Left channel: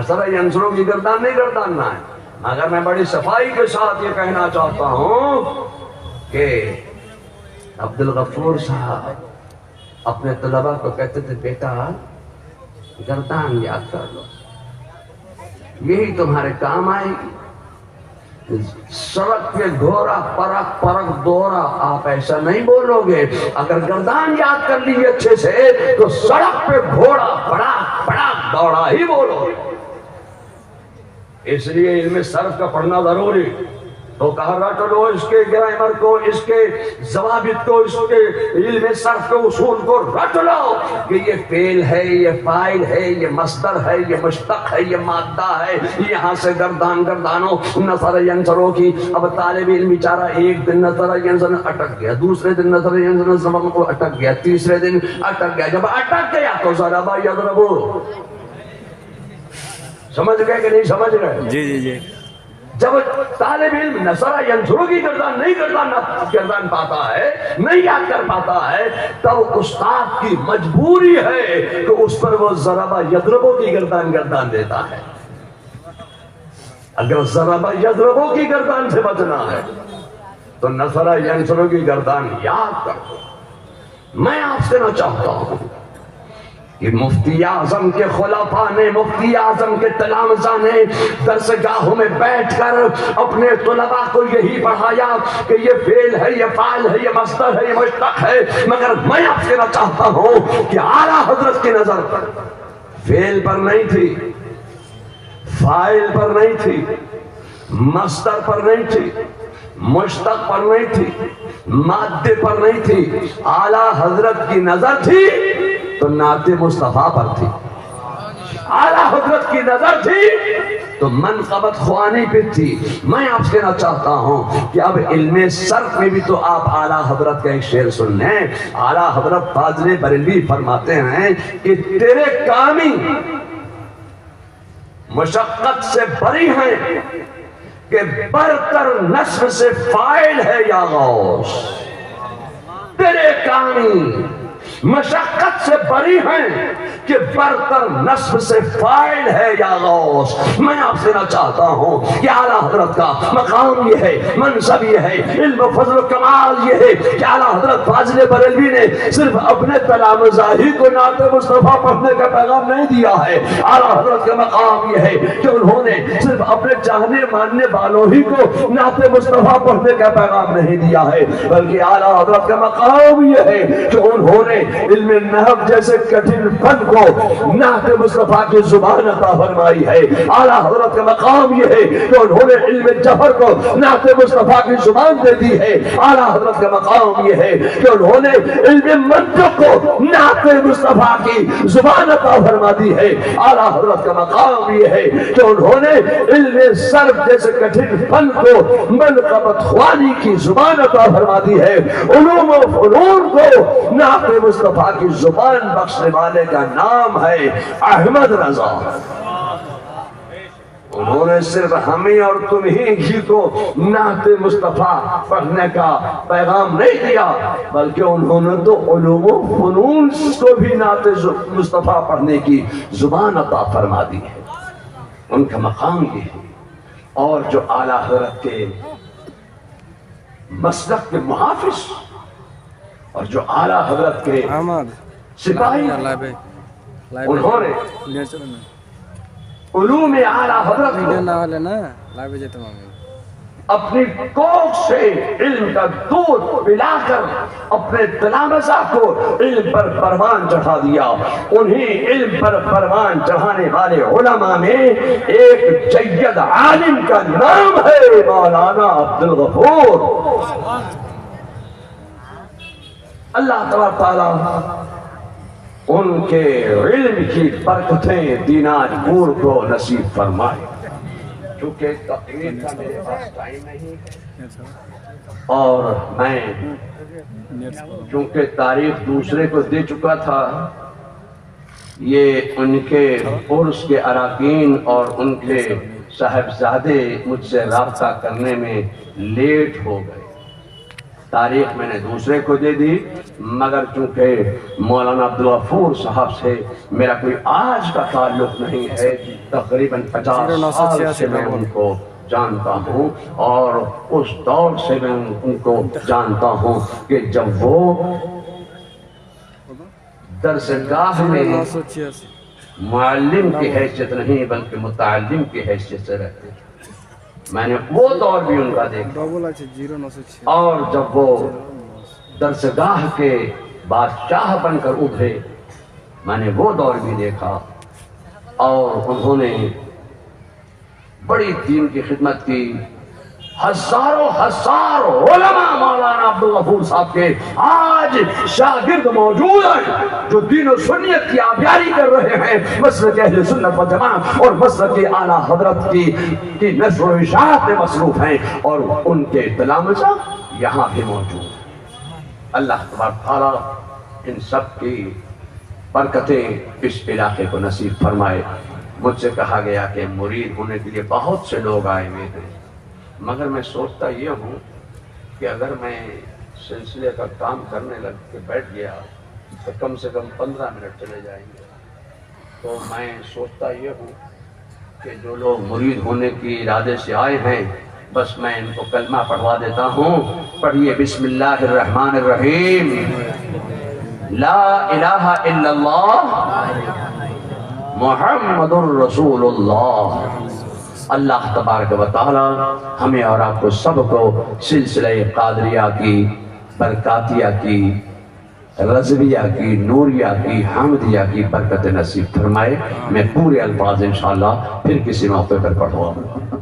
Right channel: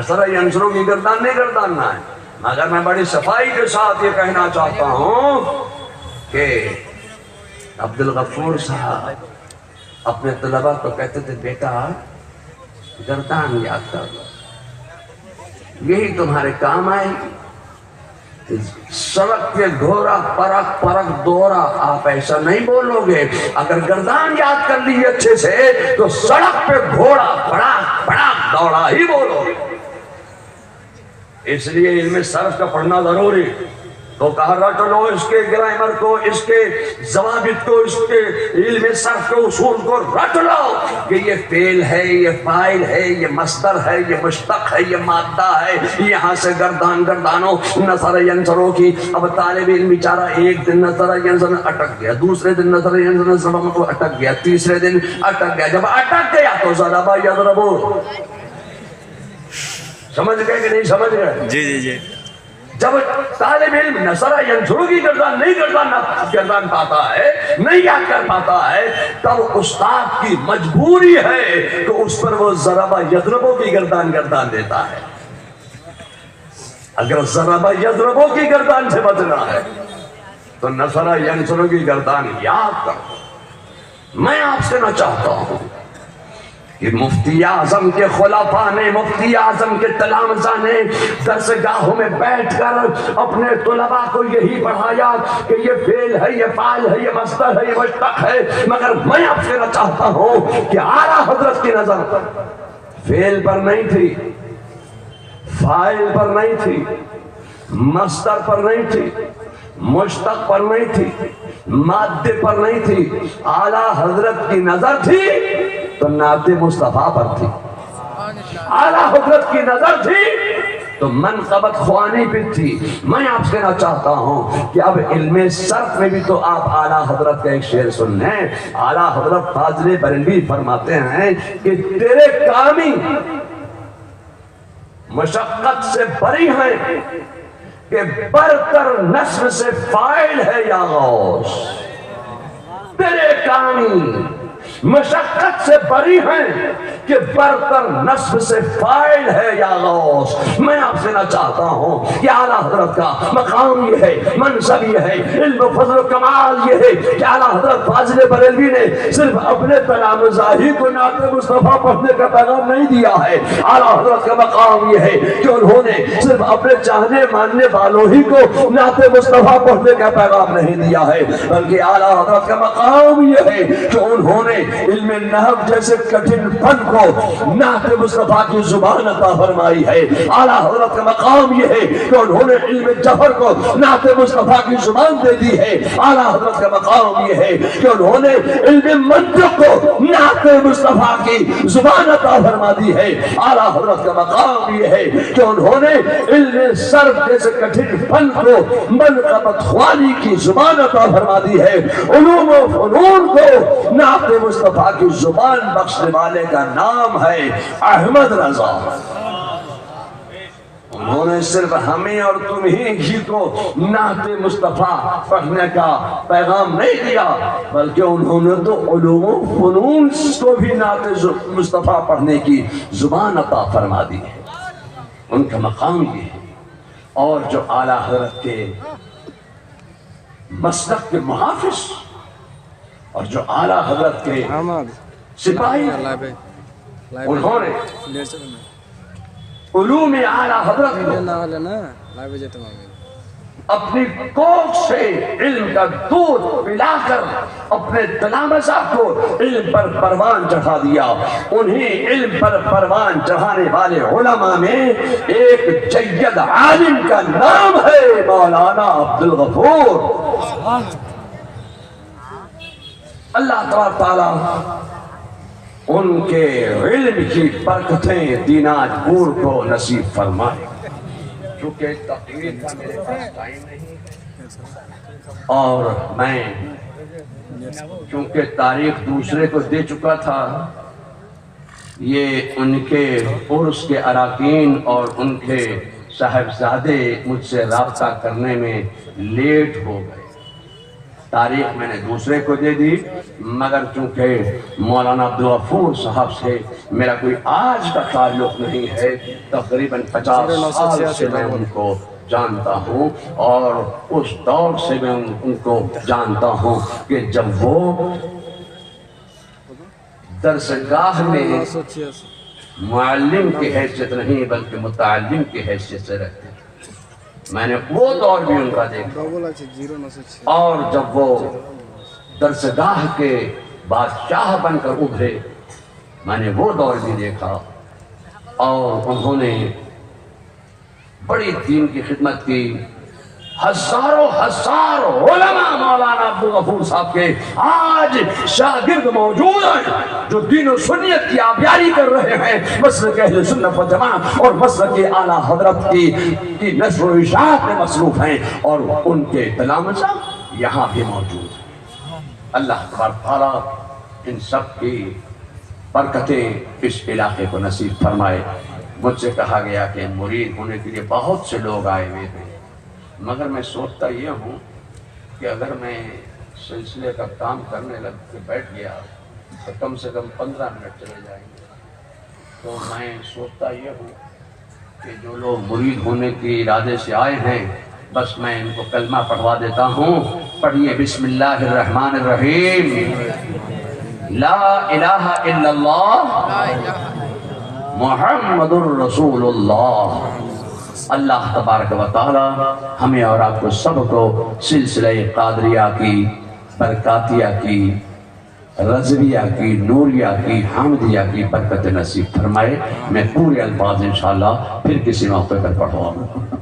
نصر ینصرو کی گردان نہیں گرداننا ہے، مگر میں بڑی صفائی کے ساتھ یہ کہنا چاہتا ہوں کہ عبدالغفور صاحب اپنے طلبہ کو کہتے تھے بیٹا گردان یاد کر لو، یہی تمہارے کام آئے گی۔ سڑک پہ گھوڑا پرک پرک دورا، آپ ایسا نہیں بولو گے، اگر گردان یاد کر لی اچھے سے تو سڑک پہ گھوڑا بڑا بڑا دوڑا ہی بولو گے۔ اس لیے علم صرف کا پڑھنا ضروری، تو کہا رٹ لو اس کے گرامر کو، اس کے ضوابط کو، اس کے علم صرف کے اصول کو رٹ لو کہ یہ فعل ہے، یہ فاعل ہے، یہ مصدر ہے، یہ مشتق ہے، یہ مادہ ہے، یہاں سے گردان گردانو نصر ینصرو کی۔ اب طالب علم بیچارہ ایک دن نصر ینصر اٹک گیا، دوسرے دن نصر ینصر کو اٹک گیا، تیسرے دن اٹک گیا، جب اٹک گیا تو ضرب یضربو، سمجھ گئے کہ نہیں سمجھ گئے؟ جی جی جی۔ جب طالب علم نصر ینصرو کی گردان نہیں گردان پاتا ہے، نہیں یاد کر پاتا ہے، تب استاد کی مجبوری ہے کہ اس پر وہ ضرب یضربو کی گردان دیتا ہے۔ اگر ضرب یضربو کی گردان سے بچنا ہے تو نصر ینصرو کی گردان یاد کرو۔ میں آپ سے نہ چاہتا ہوں کہ مفتی اعظم کے خلفاء نے، مفتی اعظم کے تلامذہ نے درسگاہوں میں بیٹھ کر اپنے طلباء کو یہی پڑھایا کہ یہ فعل ہے، یہ فاعل ہے، یہ مصدر ہے، یہ مشتق ہے، مگر میں آپ سے نہ چاہتا ہوں کہ اعلیٰ حضرت کی نظر فعل پر نہیں تھی، فاعل پر نہیں تھی، مصدر پر نہیں تھی، مشتق پر نہیں تھی، مادے پر نہیں تھی، اعلیٰ حضرت کی نظر تھی تو نعت مصطفیٰ پر تھی، اعلیٰ حضرت کی نظر تھی تو منقبت خوانی پہ تھی۔ میں آپ سے کہنا چاہتا ہوں کہ اب علم صرف میں بھی تو آپ اعلیٰ حضرت کا ایک شعر سن لیں۔ اعلیٰ حضرت فاضل بریلوی فرماتے ہیں کہ تیرے کامی مشقت سے بری ہیں کہ برتر نصب سے فاعل ہے یا غوث، تیرے کامی مشقت سے بری ہیں کہ برتر نصب سے فاعل ہے یا غوث۔ میں آپ سے نہ چاہتا ہوں کہ اعلیٰ حضرت کا مقام یہ ہے، منصب یہ ہے، علم و فضل و کمال یہ ہے کہ اعلیٰ حضرت فاضل بریلوی نے صرف اپنے تلامذہ ہی کو نعت مصطفیٰ پڑھنے کا پیغام نہیں دیا ہے، اعلیٰ حضرت کا مقام یہ ہے کہ انہوں نے صرف اپنے چاہنے ماننے والوں ہی کو نعت مصطفیٰ پڑھنے کا پیغام نہیں دیا ہے، بلکہ اعلیٰ حضرت کا مقام یہ ہے کہ انہوں نے علم نحو جیسے کٹھن فن کو نعت مصطفیٰ کی زبان عطا فرمائی ہے۔ اعلیٰ حضرت کا مقام یہ ہے کہ انہوں نے علم جوہر کو نعت مصطفیٰ کی زبان دے دی ہے۔ اعلیٰ حضرت کا مقام یہ ہے کہ انہوں نے علم منطق کو نعت مصطفیٰ کی زبان عطا فرما دی ہے۔ اعلیٰ حضرت کا مقام یہ ہے کہ انہوں نے علم صرف جیسے کٹھن فن کو منقبت خوانی کی زبان عطا فرما دی ہے۔ علوم و فنون کو نعت مصطفیٰ کی زبان بخشنے والے کا نام ہے احمد رضا۔ انہوں نے صرف ہمیں اور تمہیں کو نعت مصطفیٰ پڑھنے کا پیغام نہیں دیا، بلکہ انہوں نے تو علوم و فنون کو بھی نعت مصطفیٰ پڑھنے کی زبان عطا فرما دی ہے۔ ان کا مقام یہ ہے۔ اور جو اعلیٰ حضرت کے مسلک کے محافظ اور جو اعلیٰ حضرت کے سپاہی، انہوں نے علوم اعلیٰ حضرت کو اپنی کوکھ سے علم کا دودھ پلا کر اپنے تلامذہ کو علم پر پروان چڑھا دیا۔ انہیں علم پر پروان چڑھانے والے علماء میں ایک جید عالم کا نام ہے مولانا عبدالغفور۔ اللہ تعالیٰ ان کے علم کی برکتیں دینار پور کو نصیب فرمائے۔ چونکہ تقریر کا میرے پاس ٹائم نہیں ہے اور میں چونکہ تاریخ دوسرے کو دے چکا تھا، یہ ان کے عرس کے اراکین اور ان کے صاحبزادے مجھ سے رابطہ کرنے میں لیٹ ہو گئے، تاریخ میں نے دوسرے کو دے دی، مگر چونکہ مولانا عبدالغفور صاحب سے میرا کوئی آج کا تعلق نہیں ہے، تقریباً 50 سال سے میں ان کو جانتا ہوں، اور اس دور سے میں ان کو جانتا ہوں کہ جب وہ درسگاہ میں معلم کی حیثیت نہیں بلکہ متعلم کی حیثیت سے رہتے ہیں۔ میں نے وہ دور بھی ان کا دیکھا، اور جب وہ درسگاہ کے بادشاہ بن کر ابھرے میں نے وہ دور بھی دیکھا، اور انہوں نے بڑی دین کی خدمت کی۔ ہزاروں علماء مولانا عبدالغفور صاحب کے آج شاگرد موجود ہیں جو دین و سنیت کی آبیاری کر رہے ہیں، مسلک اہل سنت و جماعت اور مسلک اعلیٰ حضرت کی نشر و اشاعت میں مصروف ہیں، اور ان کے تلامذہ یہاں بھی موجود ہیں۔ اللہ تبارک تعالیٰ ان سب کی برکتیں اس علاقے کو نصیب فرمائے۔ مجھ سے کہا گیا کہ مرید ہونے کے لیے بہت سے لوگ آئے ہوئے ہیں، مگر میں سوچتا یہ ہوں کہ اگر میں سلسلے کا کام کرنے لگ کے بیٹھ گیا تو کم سے کم 15 منٹ چلے جائیں گے۔ تو میں سوچتا یہ ہوں کہ جو لوگ مرید ہونے کے ارادے سے آئے ہیں، بس میں ان کو کلمہ پڑھوا دیتا ہوں۔ پڑھیے بسم اللہ الرحمن الرحیم، لا الہ الا اللہ محمد الرسول اللہ۔ اللہ تبارک و تعالی ہمیں اور آپ کو سب کو سلسلہ قادریہ کی، برکاتیہ کی، رضویہ کی، نوریہ کی، حامدیہ کی برکت نصیب فرمائے۔ میں پورے الفاظ انشاءاللہ پھر کسی موقع پر پڑھواؤں۔